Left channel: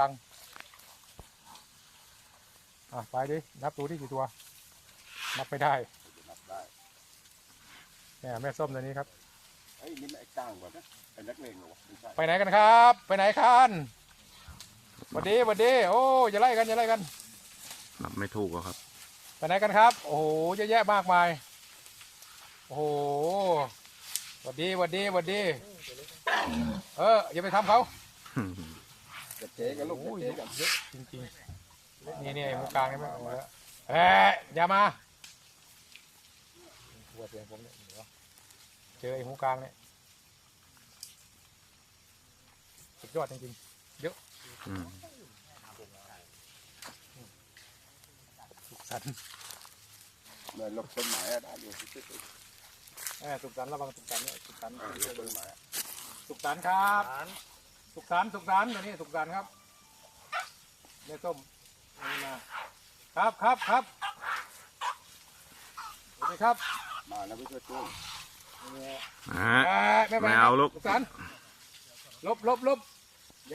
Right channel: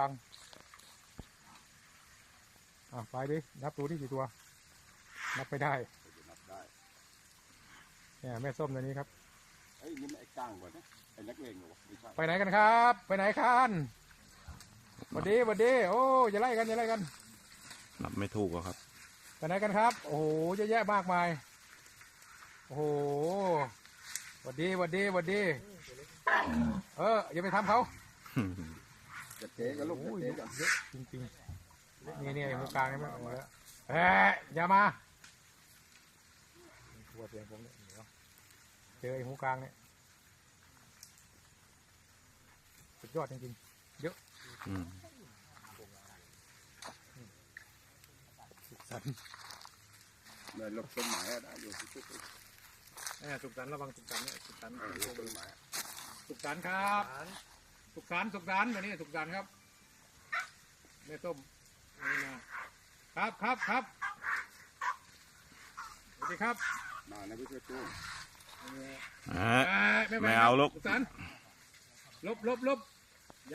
บัง อะ ไปดิ นับตัวที่กี่ตัว นับไปได้นับได้เนี่ยแม่ส้มตัวนี้ครับไอ้ยนี่มันไอ้ก้างก่อนนะไอ้นักเลงเหรอวะไม่ใช่ไปไหนกันครับ ไปไหนกันสวัสดีสวัสดี โอ้อย่าไล่กันอย่าไล่กัน นับไม่ถูกอะครับ ไปไหนกันครับ โอ้โหเยอะแยะมากมาย โอ้โหสวัสดีสวัสดีสวัสดี เอออย่าไปทำเขา จะเจ๊กับลูกจะเจ๊กันเยอะจริงๆนี่นี่ไอ้หูกลางนี่ไม่เอาไว้แล้วเอ๊ะอย่ามาเดี๋ยวเดี๋ยวผมเนี่ยเดี๋ยวเจอไอ้หูกลางเนี่ยสุดยอดจริงอืมๆสันเหมือนลบต้นไม้อะได้อยู่ที่สุดเออสุขสันต์ระวังสุขสันต์เนี่ยสุขสันต์ลบต้นไม้อะสุขสันต์ครับ สุขสันต์สุขสันต์ตัวนี้สุขสันต์ครับเนี่ยส้มนี่นะครับครับครับสวัสดีครับมาแล้วไม่ช่วยตู้นี่อ่าอ่าไม่เอาลูกสุขสันต์ลบลบลบ